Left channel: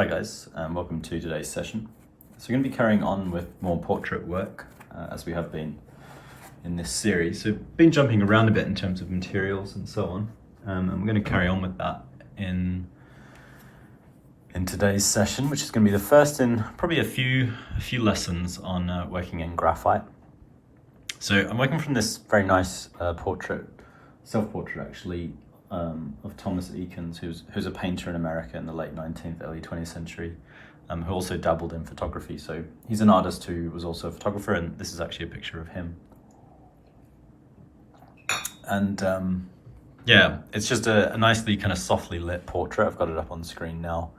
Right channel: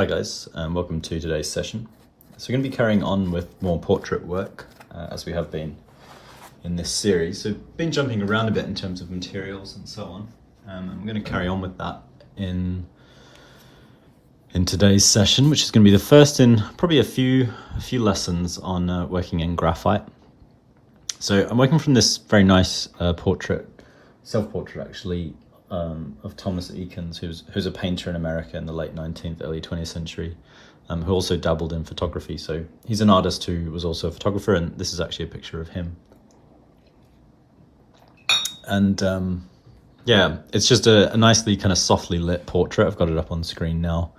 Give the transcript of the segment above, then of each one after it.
Hi guys, welcome to today's session. So we're going to be carrying on with more portrait work as we have been in this series. So been jumping around a bit in terms of materials and so on, and we're going to carry on with that in today's session, which is going to be the first in probably a few lessons on working in graphite. So I'm working from this very nice portrait, self-portrait actually, of Thomas Eakins, who's a painter in America in the late 19th, early 20th century, who also dabbled in photography. So he's an artist who was also a photographer, and this is actually a picture of him. And yeah, it's just a nicely kind of softly lit portrait. I've got it up on screen now,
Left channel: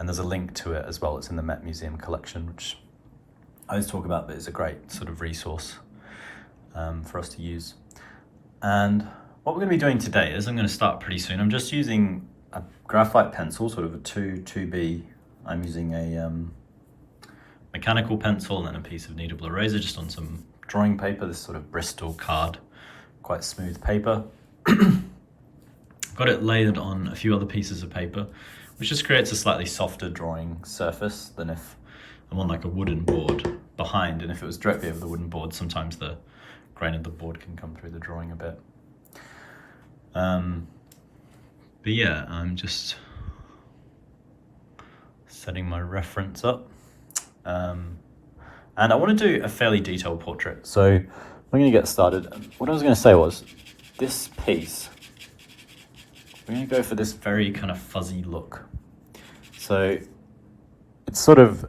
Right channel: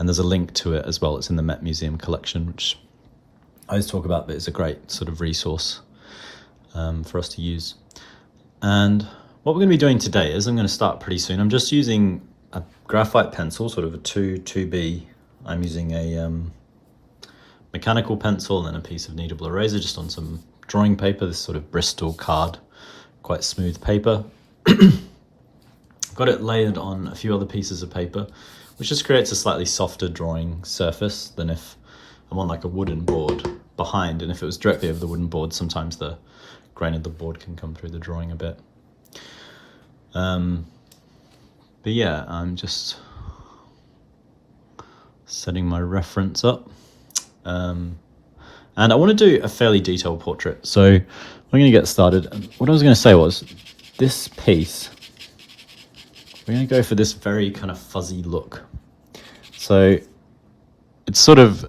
and there's a link to it as well. It's in the Met Museum collection, which I always talk about, but it's a great sort of resource for us to use. And what we're going to be doing today is I'm going to start pretty soon. I'm just using a graphite pencil, sort of a 2B. I'm using a mechanical pencil and a piece of kneadable eraser just on some drawing paper, this sort of Bristol card, quite smooth paper. Got it layered on a few other pieces of paper, which just creates a slightly softer drawing surface than if I'm on like a wooden board behind, and if it was directly over the wooden board, sometimes the grain of the board can come through the drawing a bit. But yeah, I'm just setting my reference up. And I want to do a fairly detailed portrait. So I'm going to get started. What I was going to say was, this piece, we're going to go for this very kind of fuzzy look. So it's sort of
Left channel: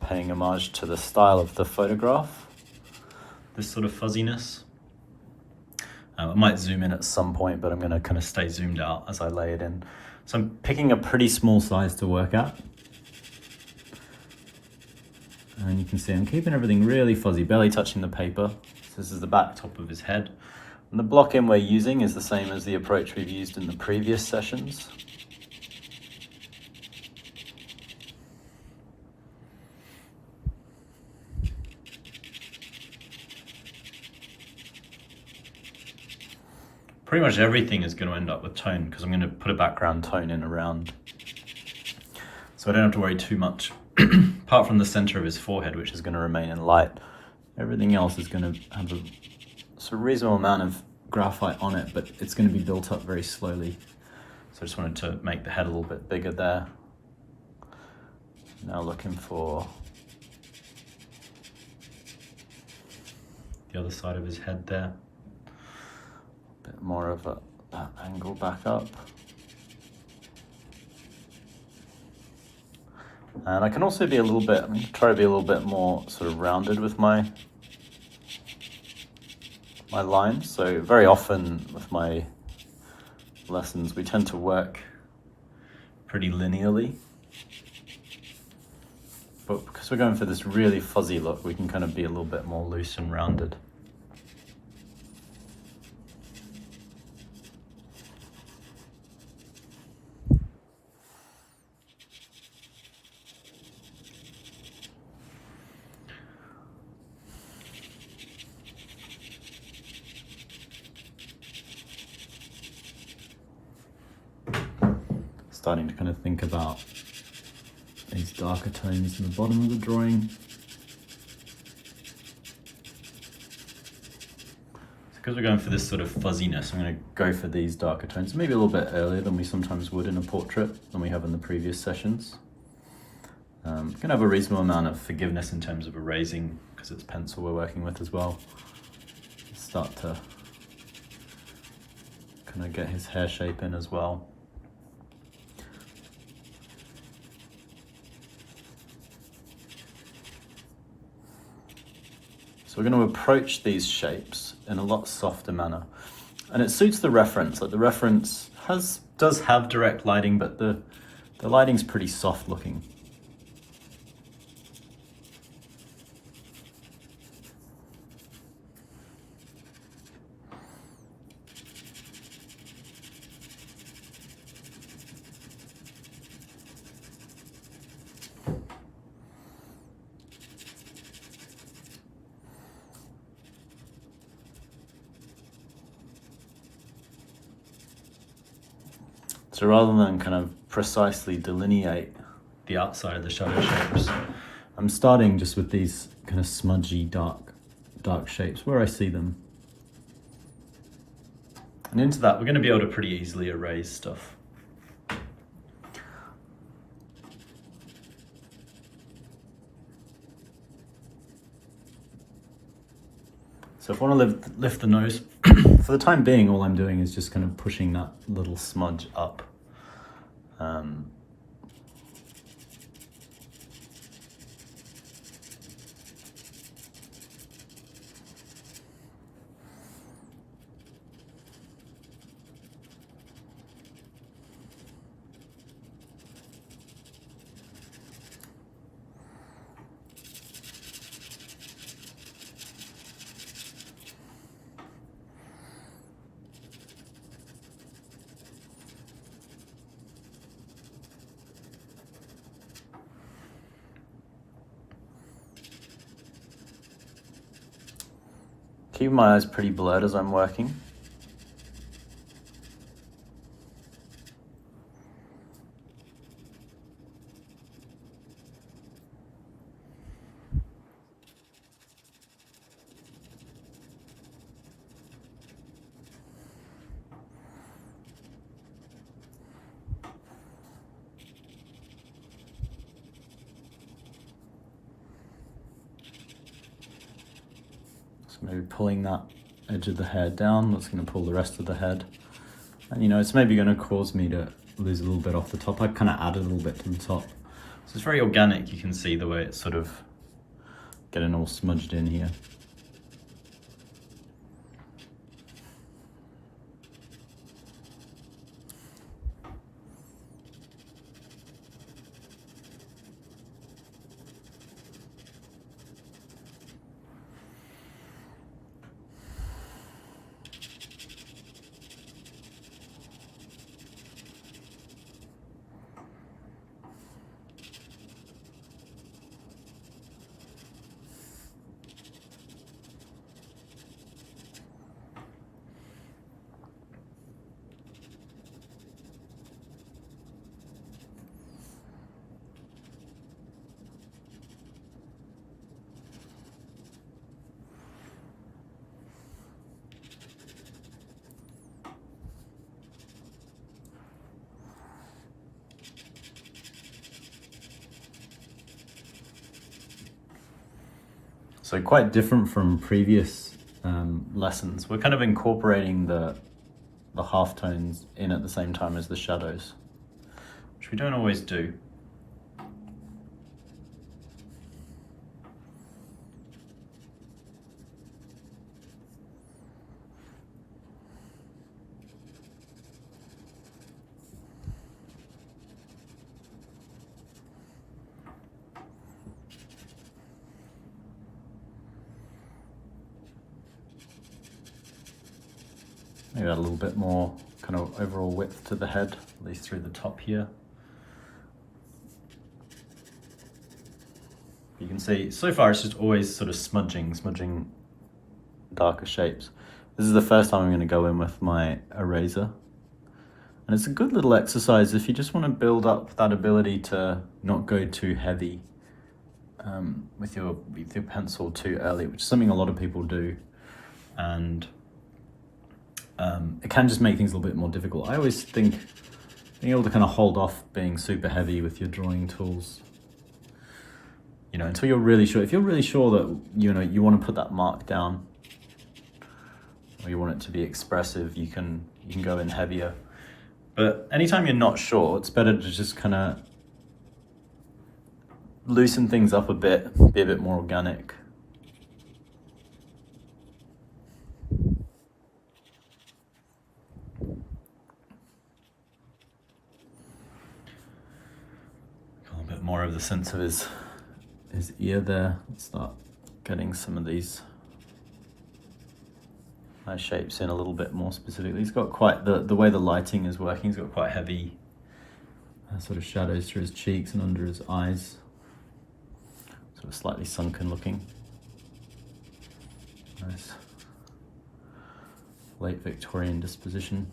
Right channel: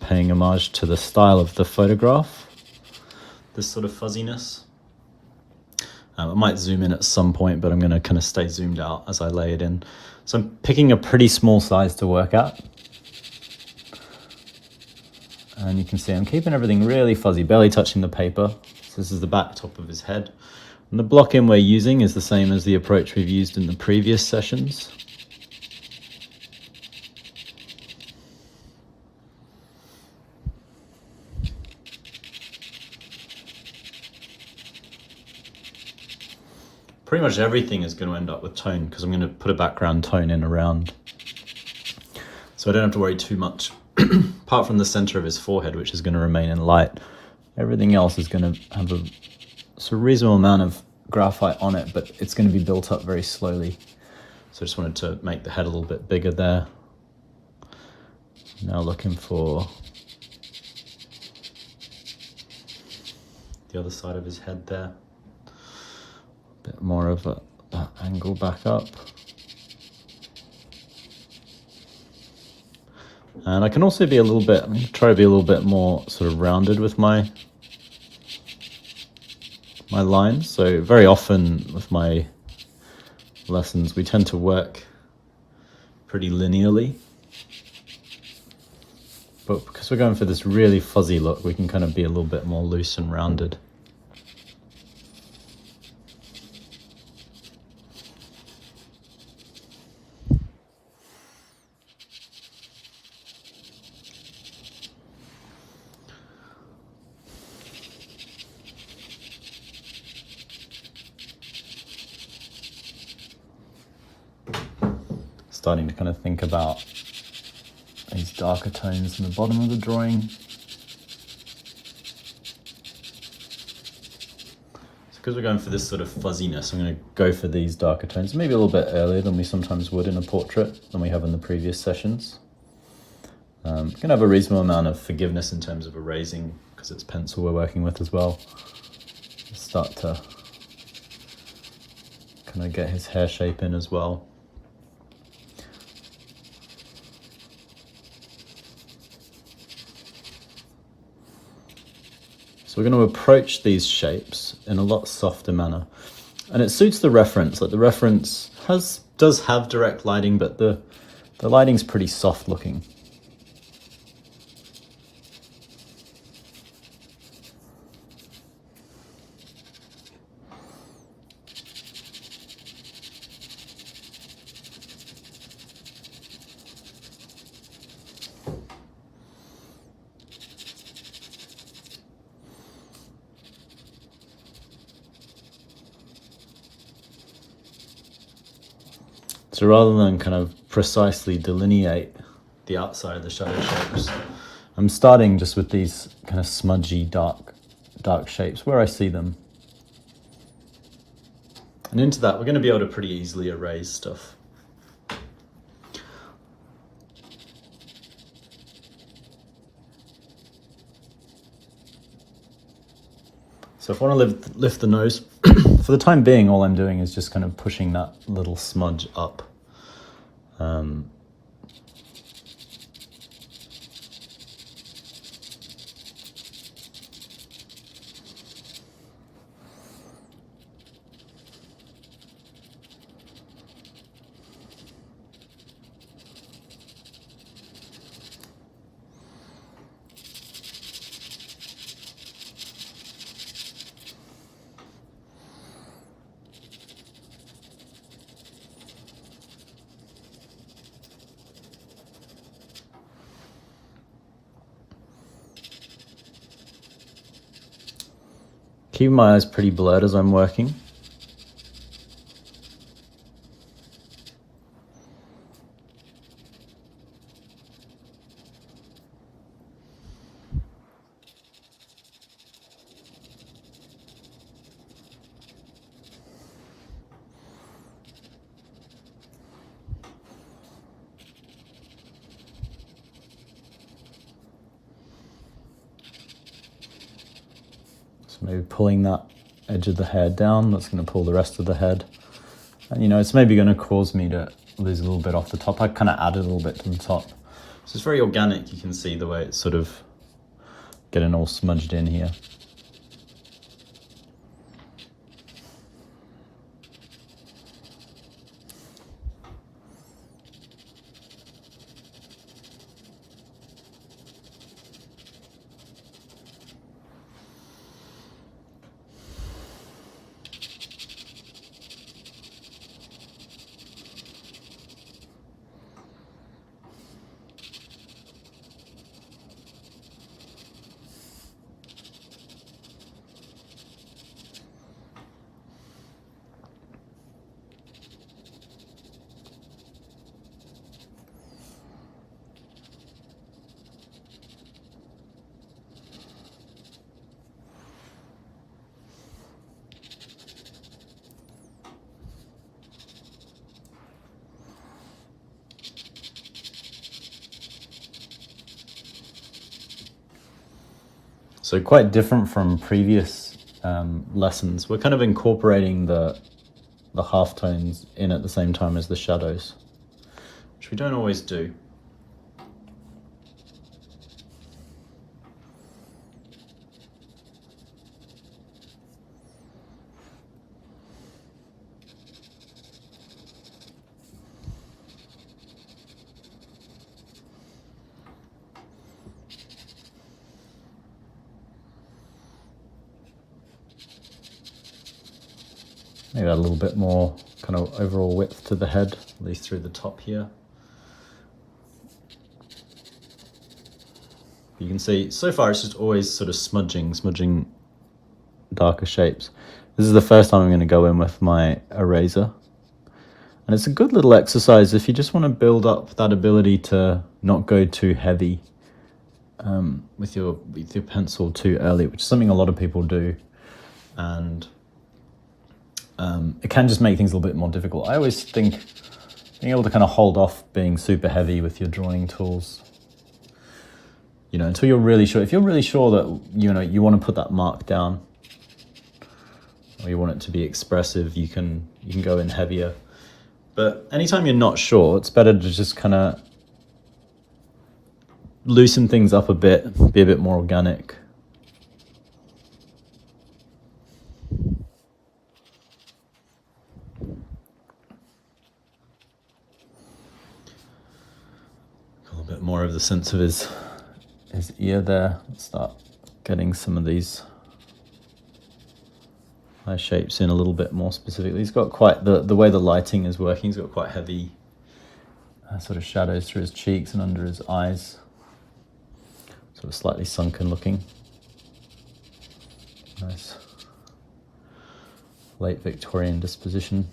paying homage to the style of the photograph, this sort of fuzziness. I might zoom in at some point, but I'm going to kind of stay zoomed out as I lay it in. So I'm picking a pretty small size to work at. And you can see I'm keeping everything really fuzzy, barely touching the paper. So this is the back top of his head. And the block-in we're using is the same as the approach we've used in the previous sessions. Pretty much everything is going to end up with tone because I'm going to put a background tone in around. So I don't have to worry too much, apart from the center of his forehead, which is going to remain in light. Everything else is going to have a sort of reasonable amount of graphite on it, but it's going to be built up very slowly. So I just wanted to make the head a little bit bigger there. Now looking for the other side of his head there. Bit more of that angle back up. And I can also be a little bit, try to be a little bit more sort of rounded with my lines. So very often with my lessons, we tend to work pretty linearly. But because we're going for this really fuzzy look, we can kind of be a little bit more loose and rounded. Starting to kind of think about these darker tones in the bottom of the drawing. So because we're going for this sort of fuzziness, I'm going to go for these darker tones, maybe a little bit earlier than we sometimes would in a portrait, than we have in the previous sessions. Going to have a reasonable amount of forgiveness in terms of erasing, because it's pencil we're working with as well. Start to kind of get his hair shape in as well. So we're going to approach these shapes in a lot softer manner. And it suits the reference. Like the reference does have direct lighting, but the lighting's pretty soft looking. So rather than kind of precisely delineate the outside of the shadow shapes. I'm starting just with these kind of smudgy, dark shapes where I see them. And into that, we're going to be able to pretty easily erase stuff. So if I want to lift the nose, for the time being, all I'm doing is just kind of pushing that little smudge up. Keep my eyes pretty blurred as I'm working. Maybe pulling that edge of the hair down, that's going to pull the rest of the head. And you know, it's maybe going to cause me to lose a little bit off the top. I kind of added a little bit to the top. So it's very organic, you can see the way it's sort of getting all smudged in here. So quite different from previous lessons. We're kind of incorporating the halftones in at the same time as the shadows, which we don't always do. Maybe add a little bit more kind of overall width to the head, at least through the top here. You can see, so far it's just always sort of smudging darker shapes. This is the first time I'm going to go in with my eraser. And it's a good little exercise if you just want to build up that ability to not go too heavy with your pencil too early, which is something a lot of people do. And it can just make things a little bit more difficult. I always think being able to kind of hold off being super heavy with your drawing tools, you know, until you're really sure. If you're really sure that, you know, you want to put that mark down, or you want it to be expressive, you can go in heavier. But anytime you're not sure, it's better to just kind of loosen things up a bit, be a bit more organic. More of the sense of his ear there. Let's start getting some of these eye shapes in a little bit more specifically. He's got quite, the way the lighting is working, he's got quite heavy sort of shadows through his cheeks and under his eyes. Sort of slightly sunken looking. Nice late Victorian disposition.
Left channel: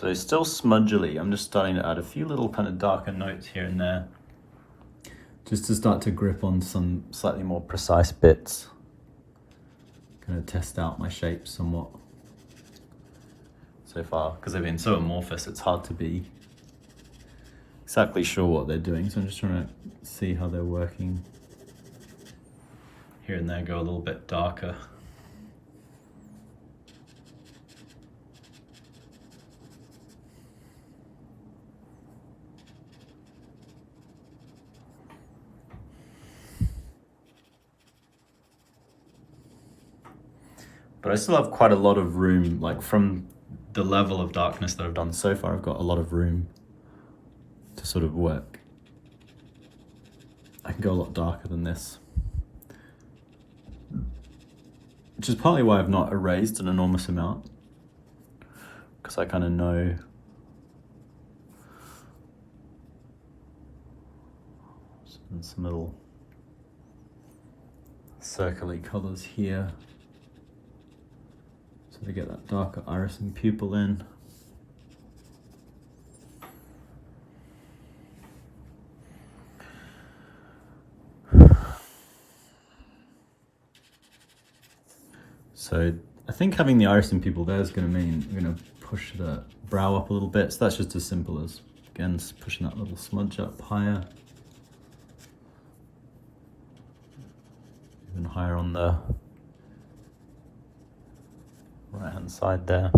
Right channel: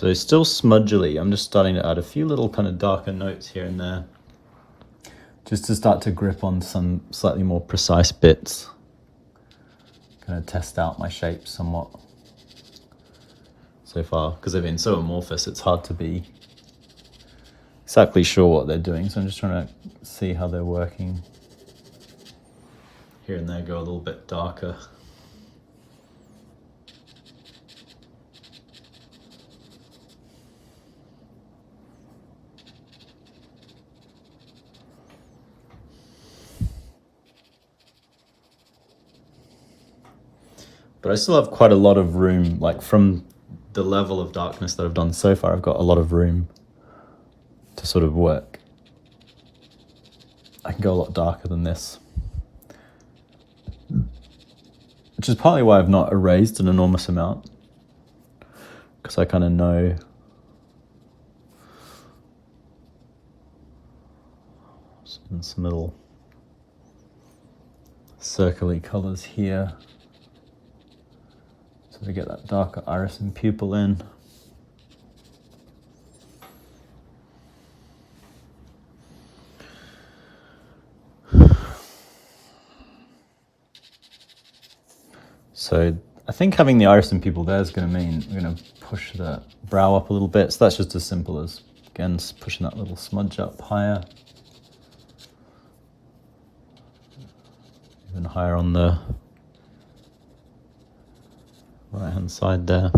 So still smudgily, I'm just starting to add a few little kind of darker notes here and there, just to start to grip on some slightly more precise bits. Kind of test out my shapes somewhat so far, because they've been so amorphous, it's hard to be exactly sure what they're doing. So I'm just trying to see how they're working. Here and there go a little bit darker. But I still have quite a lot of room, like from the level of darkness that I've done so far, I've got a lot of room to sort of work. I can go a lot darker than this. Which is partly why I've not erased an enormous amount, because I kind of know some little circly colours here. So we get that darker iris and pupil in. So I think having the iris and pupil there is going to mean we're going to push the brow up a little bit. So that's just as simple as, again, pushing that little smudge up higher. Even higher on the right hand side there.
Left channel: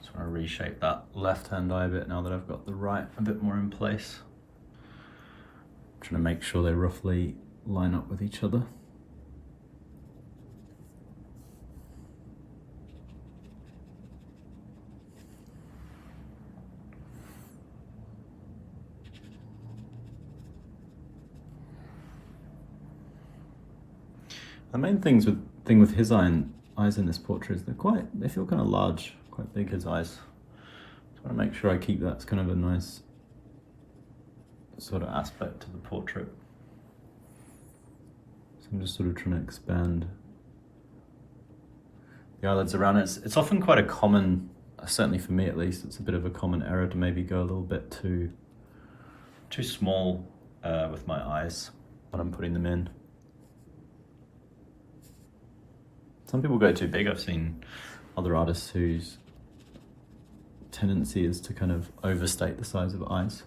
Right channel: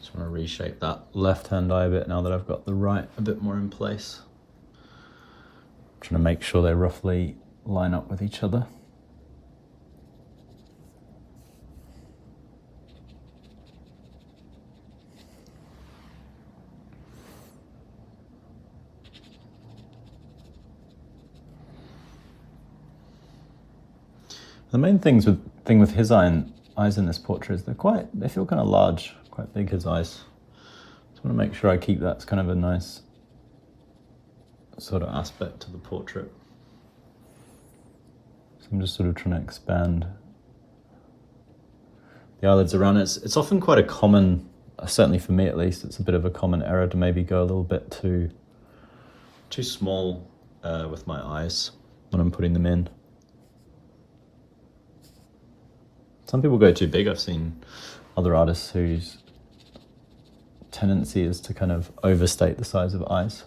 Just want to reshape that left hand eye a bit now that I've got the right a bit more in place. I'm trying to make sure they roughly line up with each other. The main thing with his eyes in this portrait is they feel kind of large, quite big, his eyes. Just want to make sure I keep that as kind of a nice sort of aspect to the portrait. So I'm just sort of trying to expand the eyelids around it. It's often quite a common, certainly for me at least, it's a bit of a common error to maybe go a little bit too small with my eyes when I'm putting them in. Some people go too big. I've seen other artists whose tendency is to kind of overstate the size of eyes.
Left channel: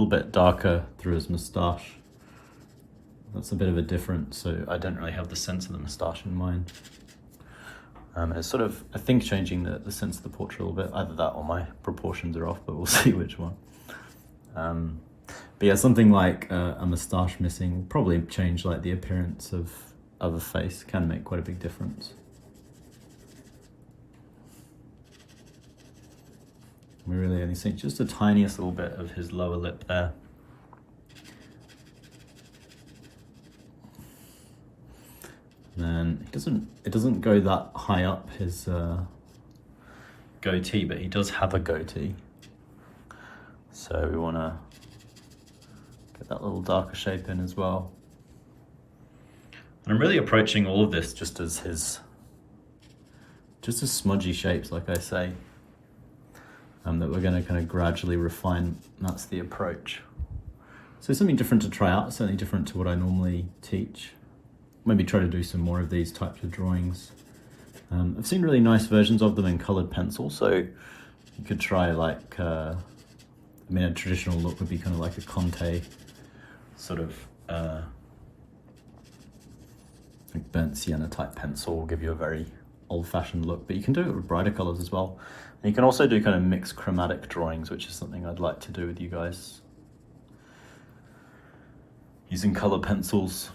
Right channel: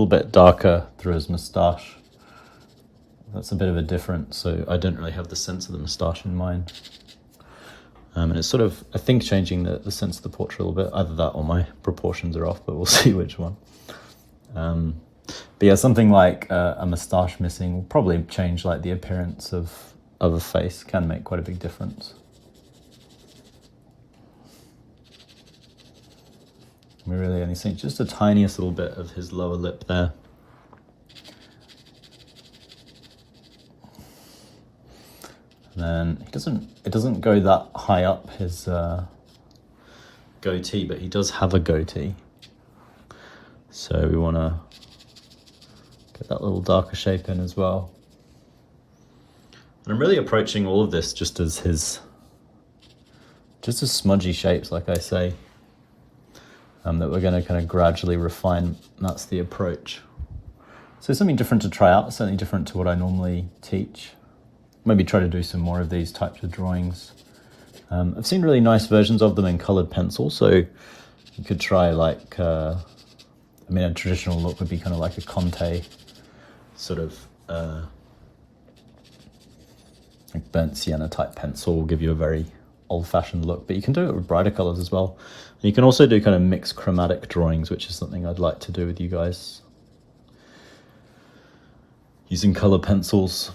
little bit darker through his moustache. That's a bit of a difference, so I didn't really have the sense of the moustache in mind. And it's sort of, I think, changing the sense of the portrait a little bit. Either that or my proportions are off, but we'll see which one. But yeah, something like a moustache missing will probably change like the appearance of a face. Can make quite a big difference. We really only see just the tiniest little bit of his lower lip there. And then it doesn't go that high up his goatee, but he does have a goatee. So we want to get that little darker shape in as well. And I'm really approaching all of this just as smudgy shapes, like I say, that we're going to kind of gradually refine. And that's the approach. So something different to try out, certainly different to what I normally teach. Maybe try to do some more of these types of drawings. I've seen really nice versions of them in colored pencil, so you could try like, a traditional look would be kind of like a Conte sort of like burnt sienna type pencil will give you a very old-fashioned look, but you can do it with brighter colors as well. And you can also do kind of mixed chromatic drawings, which is something I'd like to do with you guys. Using color pencils.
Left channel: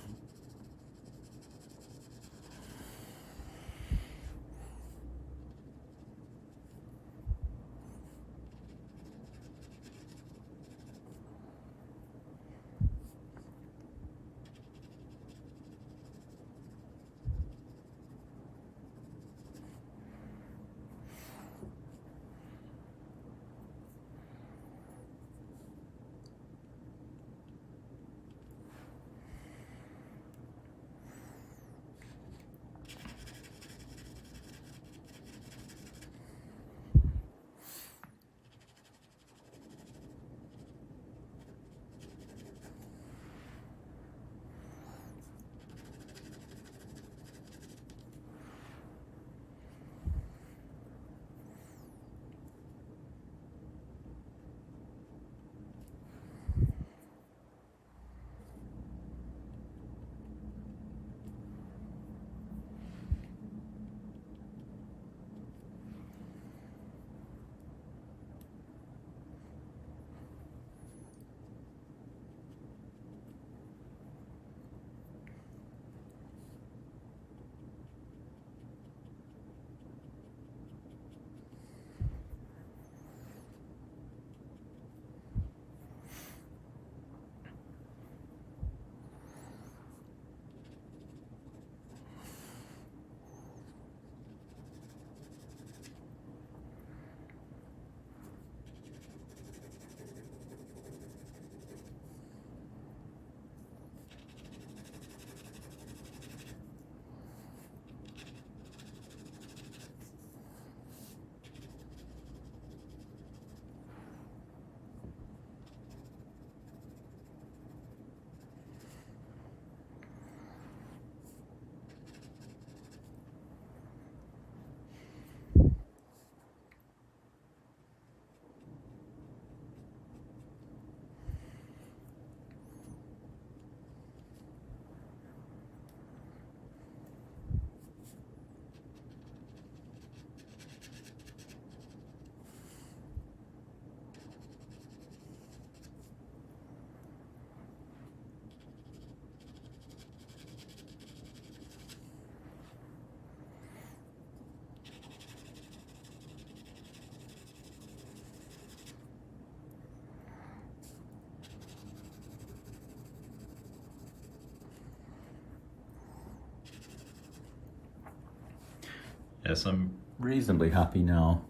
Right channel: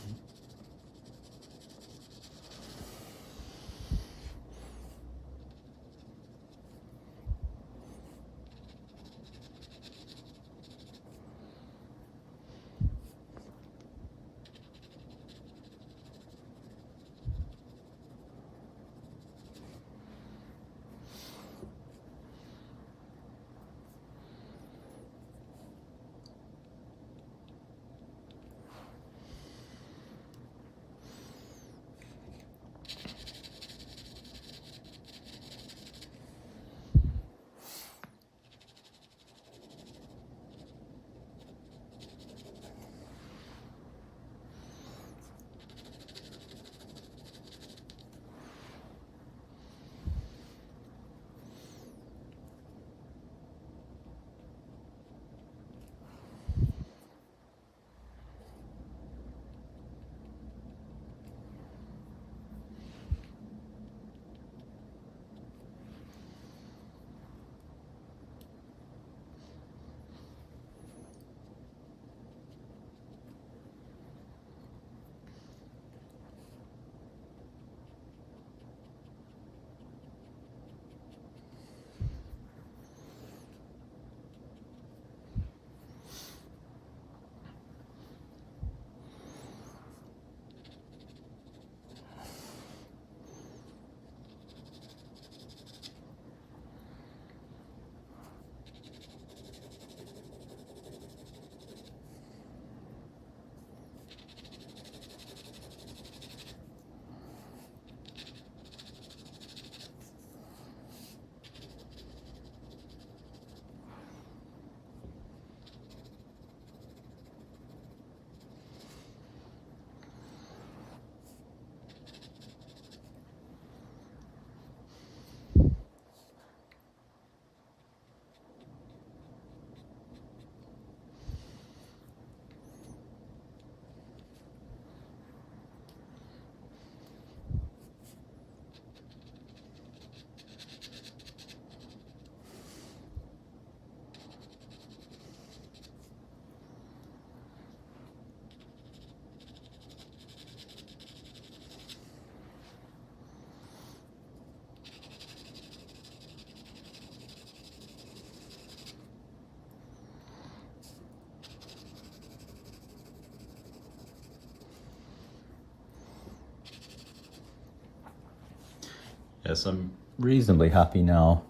Yes, I'm reasonably happy now.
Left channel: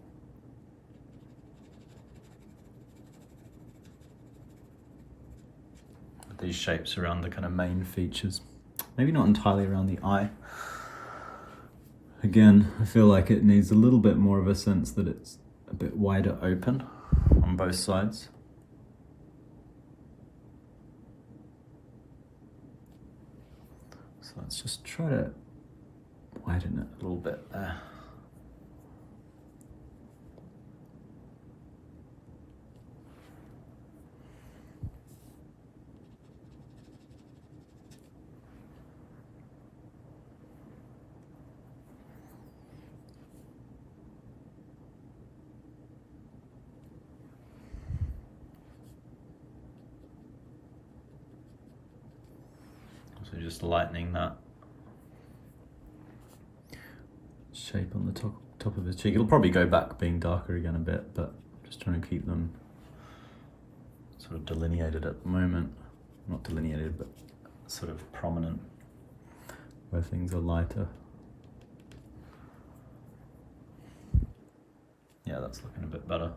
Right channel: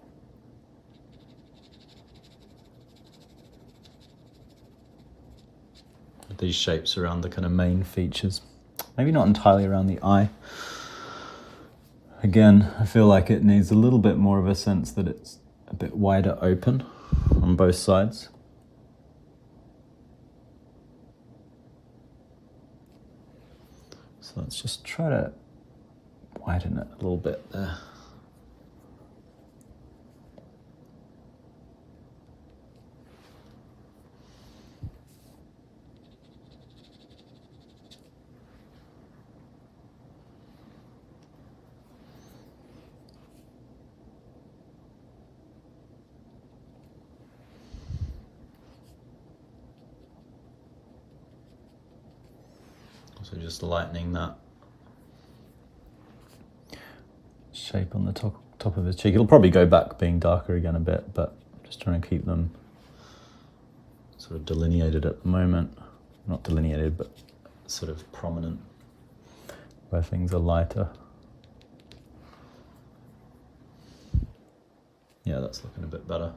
With these shapes around the kind of main features. Maybe not entirely around the eye. Again, I feel like it needs a little bit more of a sense that it's a bit wider open on both sides. So let's just try to widen it a little bit there. So just lightening that shape on the top of his cheek. It'll probably go back being darker again a bit, but just trying to keep them sort of delineated at the moment. Not delineated, but sort of prominent where things are lighter. Yeah, that's looking a bit better.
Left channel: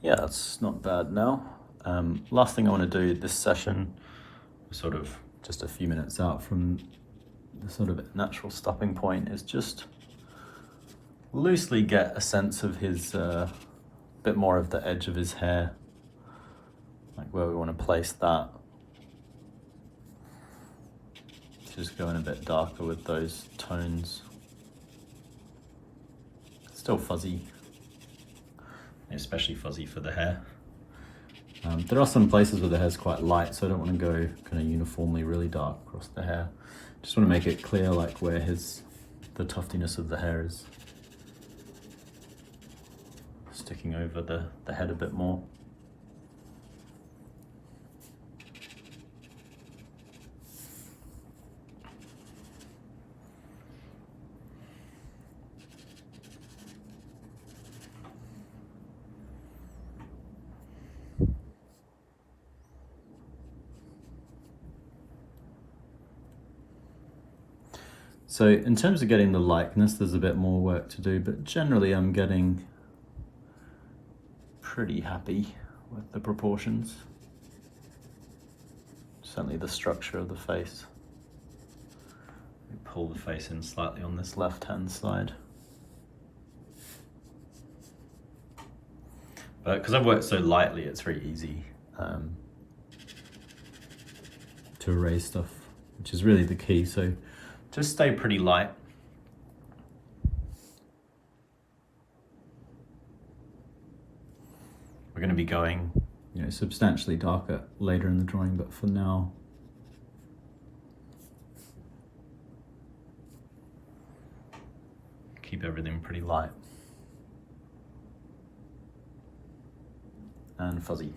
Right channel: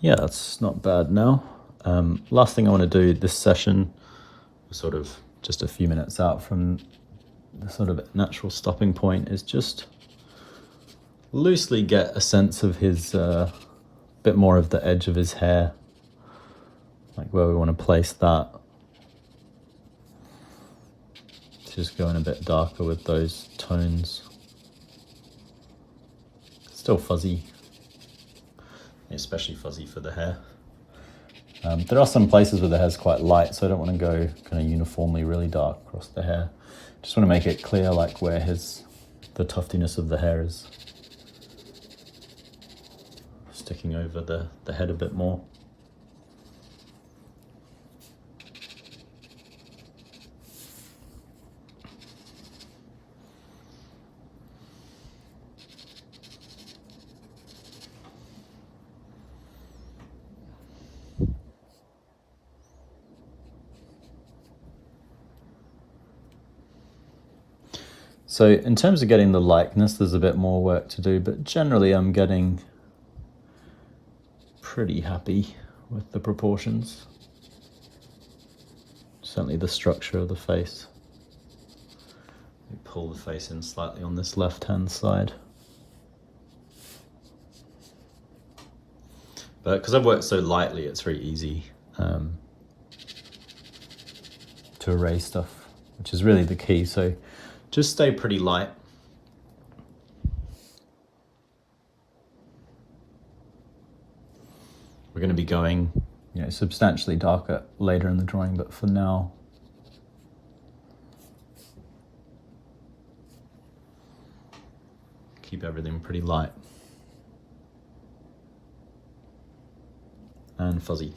Yeah, that's not bad now. Last thing I want to do this session, we're sort of just a few minutes out from the sort of natural stopping point, is just loosely get a sense of his, bit more of the edge of his hair, like where we want to place that. Just going a bit darker with those tones. Still fuzzy. Especially fuzzy for the hair. There are some places where the hair's quite light, so I don't want to go kind of uniformly really dark across the hair. Just want to make it clear like where the tuftiness of the hair is sticking over the head a bit more. So in terms of getting the likeness, there's a bit more work to do, but generally I'm getting pretty happy with the proportions. Certainly the structure of the face. Pull the face in slightly on this left-hand side. But because I've worked so lightly, it's very easy to erase stuff, which is really the key. So just stay pretty light. We're going to be going, substantially darker later in the drawing, but for now, keep everything pretty light and fuzzy.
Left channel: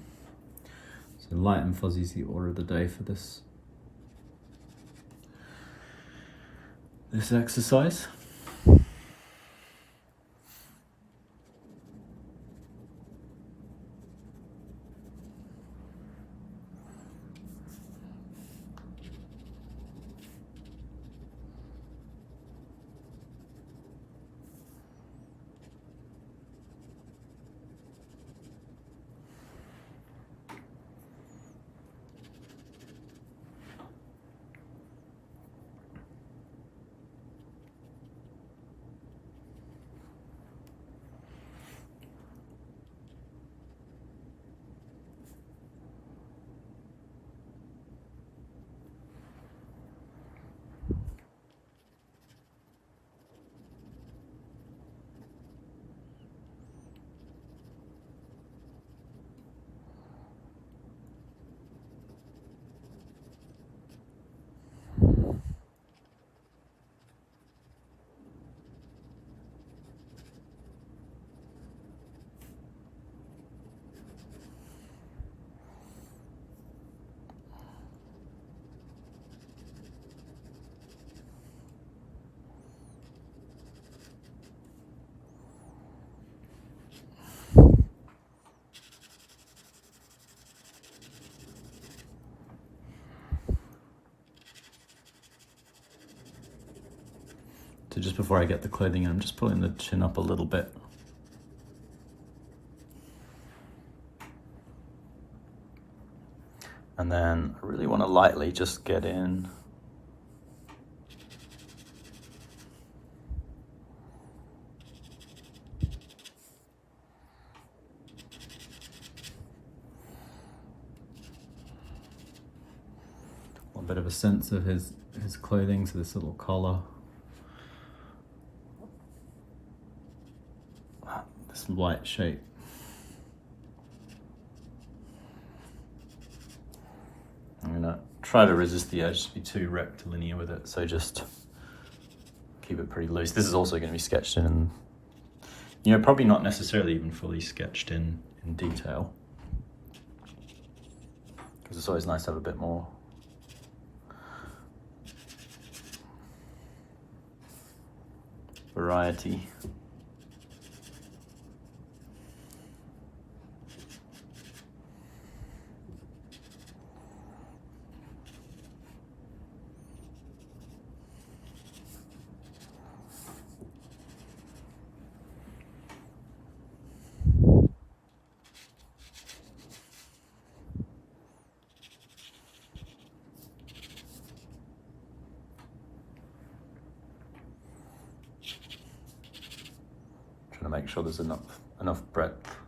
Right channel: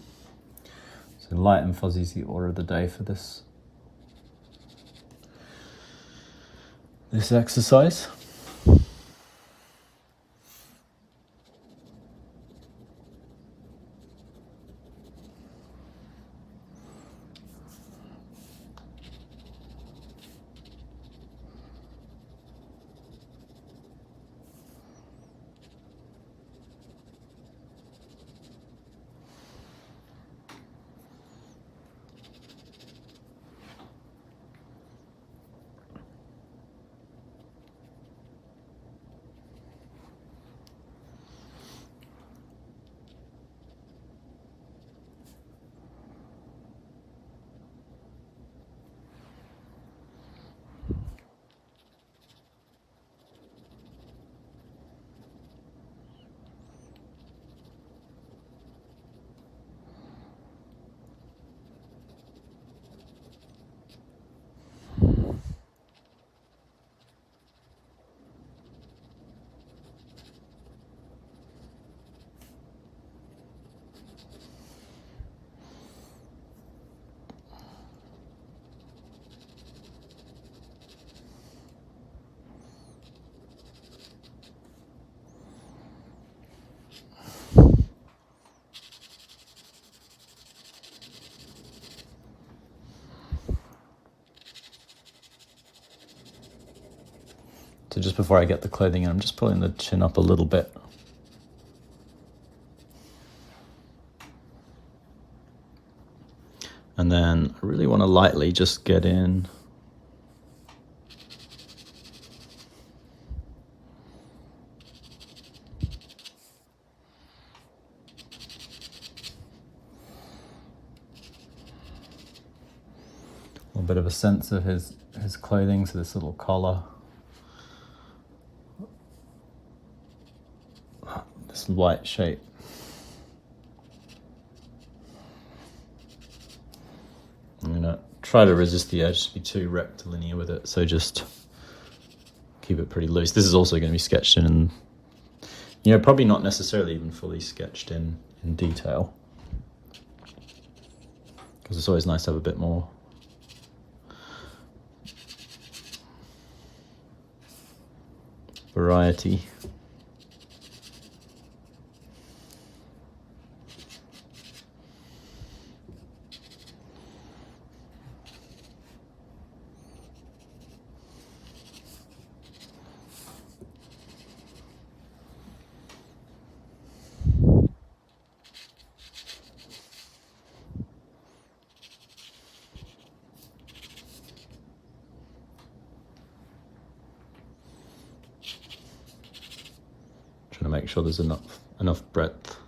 So light and fuzzy is the order of the day for this exercise. So just before I get the clothing in, I'm just pulling the chin up a little bit. And then I really want to lightly just get in bit of a sense of his clothing. So this little collar, this white shape. I'm gonna try to resist the urge to be too rectilinear with it, so just keep it pretty loose. This is also going to be sketched in, probably not necessarily even fully sketched in detail, because it's always nice to have a bit more variety. Trying to make sure there's enough breadth.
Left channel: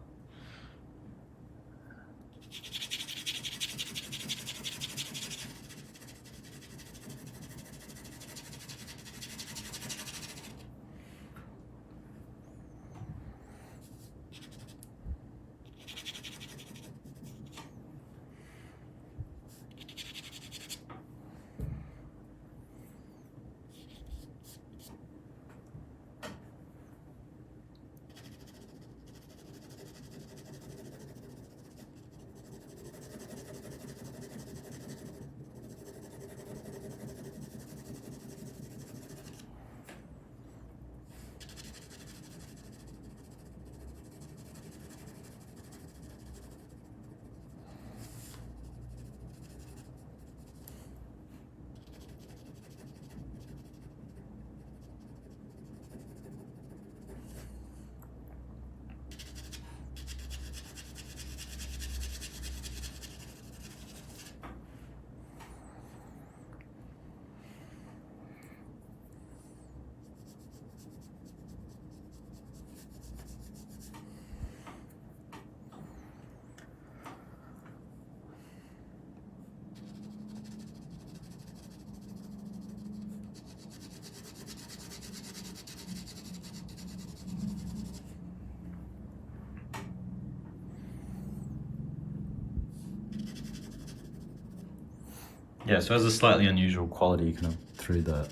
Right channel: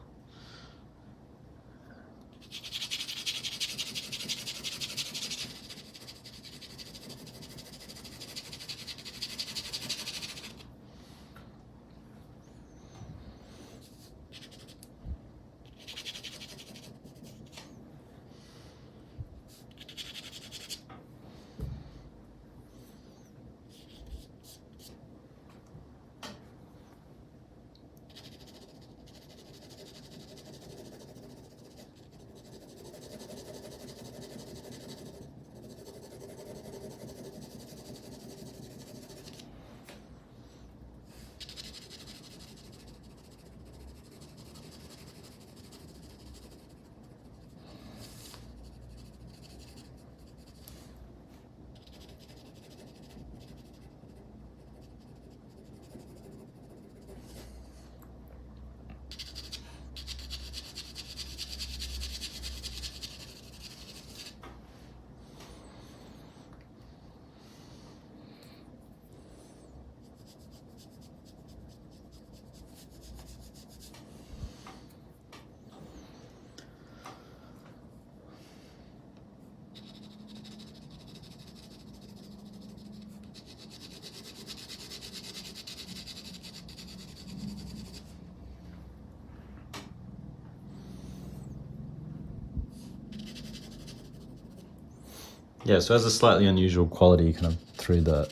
Yeah, so it has a slightly unusual quality kind of through the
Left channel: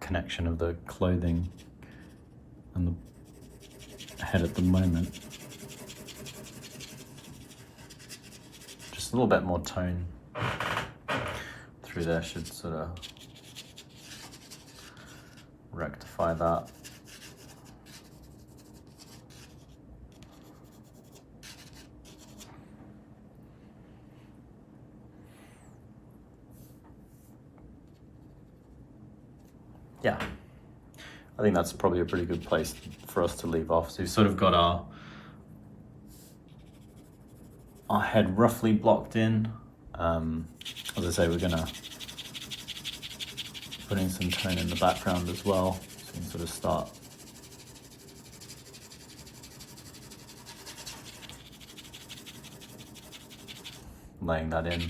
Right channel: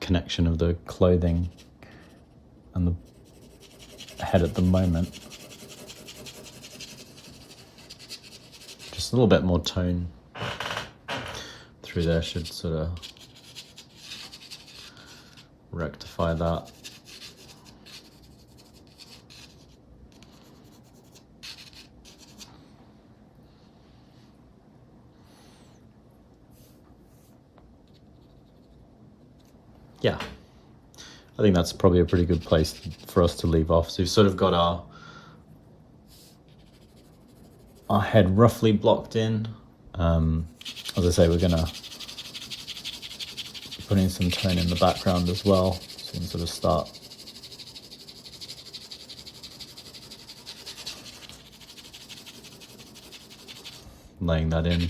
connection of the clothing and the head at the moment. Just a little bit more tone through there should sort of rectify that. Yeah, I think that's probably a pretty good place for us to leave off. So we've sort of got our head roughly blocked in. As I say, we're gonna put in some tone in the background as well, so we can sort of start laying that in.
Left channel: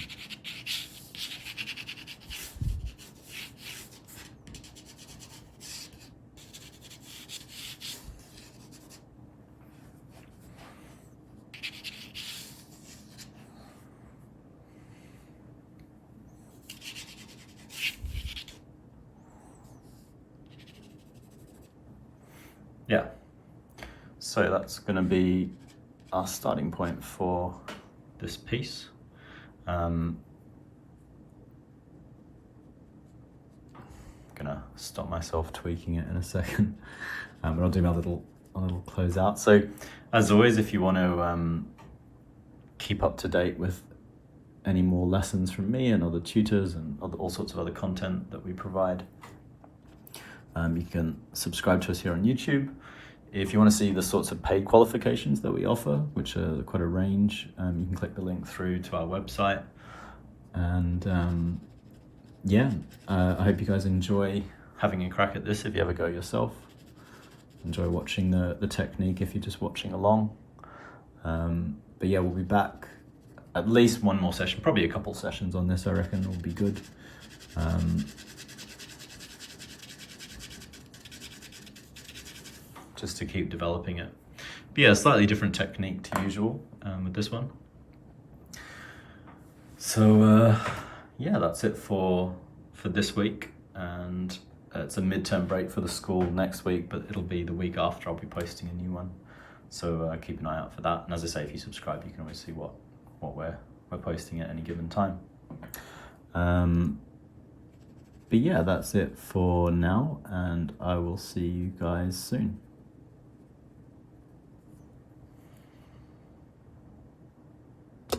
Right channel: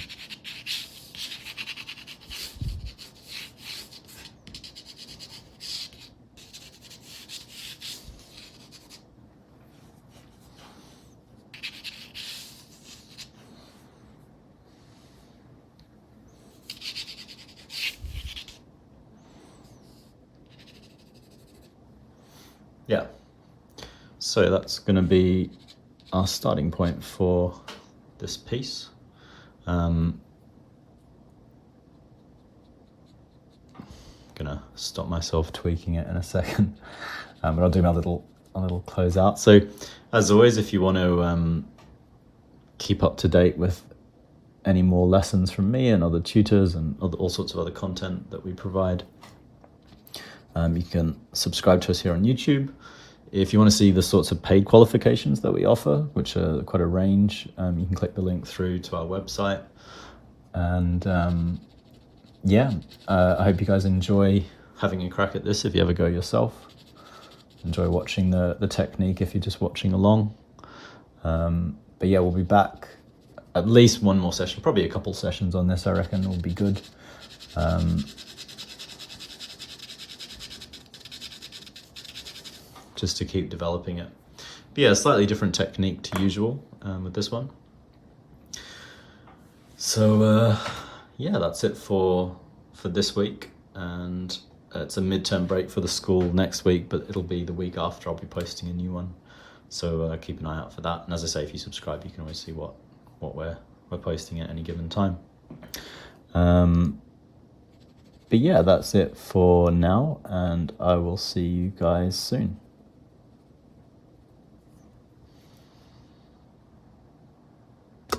Yeah, so that's going to be our starting point for this piece. Gonna stop myself tweaking it in a second, but I'll do my little closeout. So, as always, if you want to keep up to date with any more lessons from me and other tutors and all sorts of other content that we provide, you can subscribe to us here on YouTube. If you want to see the sorts of paid qualifications that we offer, which are quite a range, you can click the link through to our website. And I hope you guys enjoy having a crack at this if you ever go yourself. Enjoy watching the technique if you're just watching along. But yeah, we'll be back at least one more session, probably a couple sessions on this, I reckon will be good. Just to keep developing it. But yeah, slightly different technique to usual with this one. So yeah, that's it for this week, and it's a midterm break for the school next week, but it'll be the week after I'll be posting a new one. So keep an eye out for that. And as I say, if you subscribe, you can always see what we're posting at any given time. But yeah, that's it for now, and I will see you guys soon.